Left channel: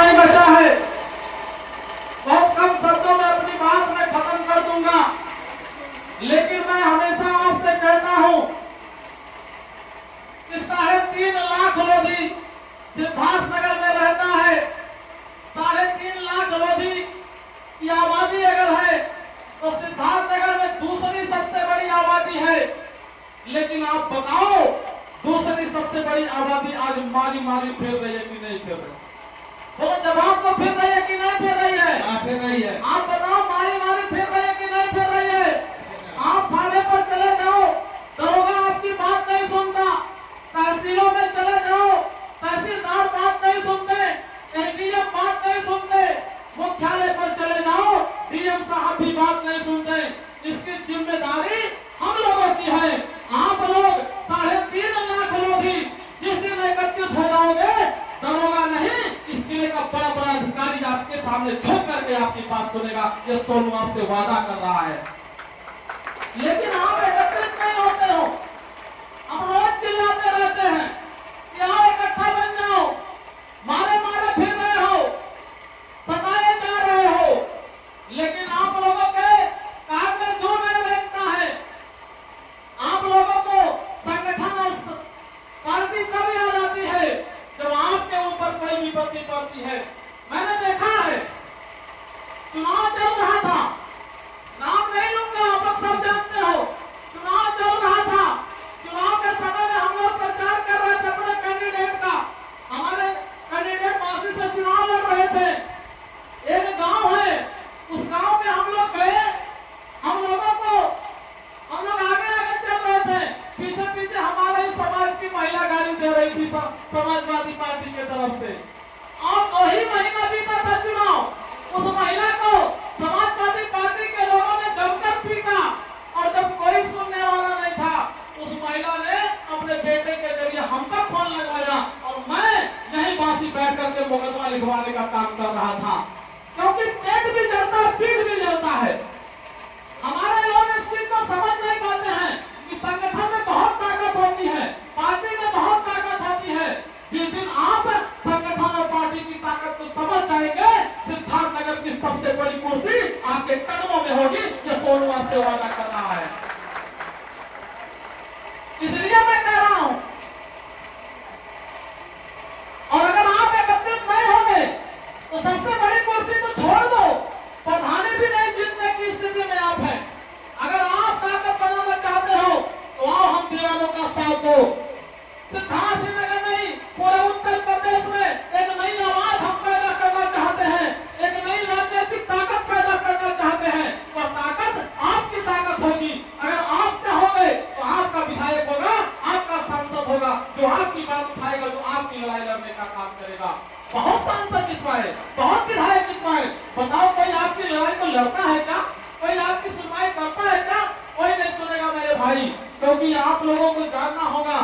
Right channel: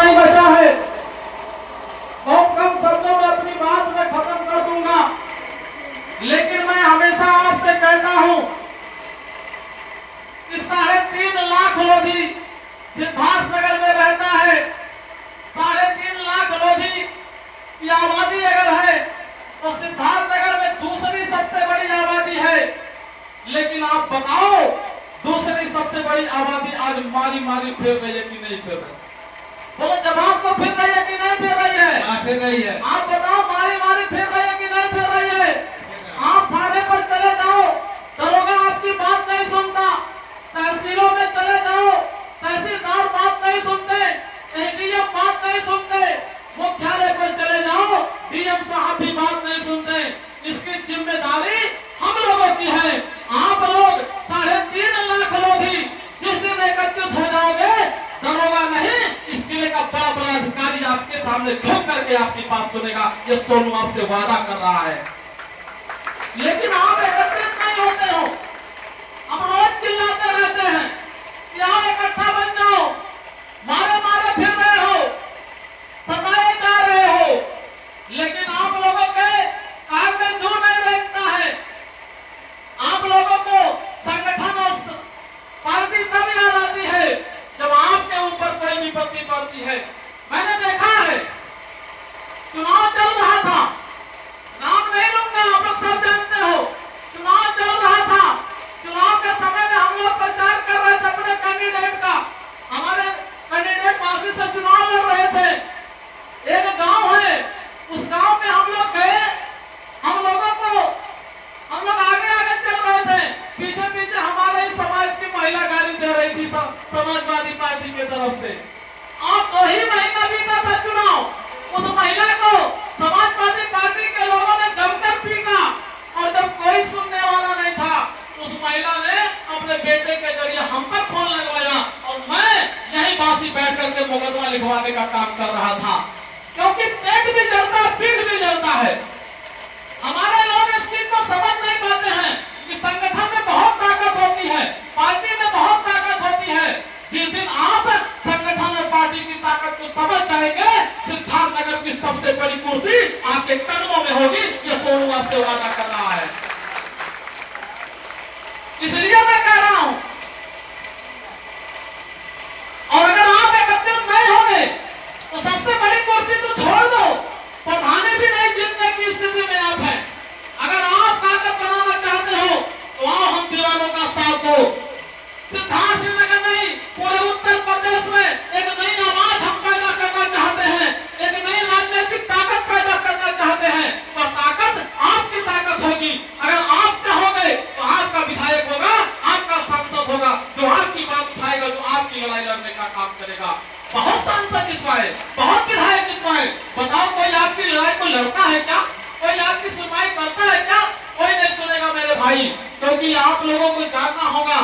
नहीं बचा है। बहुत कम शब्दों में अपनी बात मैं खत्म कर दूंगा, लेकिन मैं हमेशा आपसे कहता हूं कि 3.5 लाख लोधी सिद्धार्थनगर में रहता है। 3.5 लाख लोधी की आबादी अगर है तो सिद्धार्थनगर में दूसरी सबसे बड़ी आबादी है। लेकिन आप बताओ, दूसरी सबसे बड़ी आबादी आज मारी मारी फिर रही है कि नहीं फिर रही? बोलो जवाब तो फिर रही है कि नहीं फिर रही है? हाँ, फिर रही है। आप बताओ, मारी मारी फिर रही है कि नहीं फिर रही है? आप थाने पर चले जाओ, दरोगा आपकी बात नहीं सुनता। तहसीलों में चले जाओ, तहसीलदार बात नहीं सुनते, एसडीएम बात नहीं सुनते। मुख्यालय पर चले जाओ, डीएम साहब भी बात नहीं सुनते। इसकी जिम्मेदारी हम लोगों की है। आप लोग 3.5 लाख लोधी जिस दिन एकत्रित हो जाओगे, दरोगा नहीं, इस जिले का बड़ा बड़ा अधिकारी आपके सामने झुक करके आपकी बात सुनेगा। ये सोनू आपसे वादा कर रहा है। लेकिन आप एकत्रित नहीं होते हो, हम रोज चिल्लाते रहते हैं कि आओ इकट्ठा बन जाओ, मारे मारे फिर रहे हो, सताए जा रहे हो। लेकिन आप लोगों के कान में जो नहीं रहता है। आप लोगों को संगठन और पार्टी तब याद आती है जब आपके ऊपर कोई विपत्ति पड़ती है। मैंने देखा है, चुनाव चल रहा था, नाम नहीं लूंगा, आप लोग सब जानते हो। चुनाव चल रहा था, चुनाव के समय में हम लोग प्रचार कर रहे थे अपने कैंडिडेट का। हमारे कैंडिडेट वासी से चुनाव लड़ रहे थे। एक गांव है, उस गांव में हम लोग गए। हम लोग आगे आगे चल रहे थे, पीछे पीछे हमारे ही समाज की महिला गाली दे रही थी समाजवादी पार्टी की तरफ से। और 2 ही महीना बीता था चुनाव, उस महिला को समाजवादी पार्टी के लोगों ने जमकर पीटा। और जब कोई सुनने वाला नहीं था, उस महिला ने अपने बेटे के जरिए हम पर फोन लगवाया और मैं यहीं बासी बैठ करके मुकदमा लिखवाने का काम कर रहा था। क्योंकि पेट भी जलता है, पीठ भी जलता है। हमारे लोग इस चीज को समझ नहीं पाते हैं कि संगठन में बहुत ताकत होती है, पार्टी में बहुत ताकत होती है। जिस दिन आप संगठन और पार्टी की ताकत को समझ जाएंगे, सिद्धार्थनगर की सबसे बड़ी कुर्सी आपके कदमों में होगी। ये सोनू आपसे वादा कर रहा है। इसलिए मैं कह रहा हूं, और अगर आप एकत्रित नहीं होंगे तो सबसे बड़ी कुर्सी तो छोड़ दो, प्रधानी भी नहीं जीतने की स्थिति में आप हैं। अगर आप ताकत बनाना चाहते हो तो आओ, हम दीवानों का साथ दो। सिद्धार्थनगर नहीं, पूरे उत्तर प्रदेश में एक नई आवाज हम पैदा करना चाहते हैं, एक नई राजनीतिक ताकत पैदा करना चाहते हैं। और ताकत आपकी ताकत होगी। अगर आप चाहोगे तो आपका विधायक होगा, आपका सांसद होगा, जो आपकी बात उठाएगा, जो आपकी लड़ाई लड़ने का काम करेगा। बहुत सांसद जितवाए, बहुत विधायक जितवाए, बताओ कोई आपकी लड़ाई को लड़ता है क्या? कोई आपकी सुनवाई करता है क्या? कोई नहीं सुनेगा मेरे भाई। क्योंकि आप लोगों को जानना होगा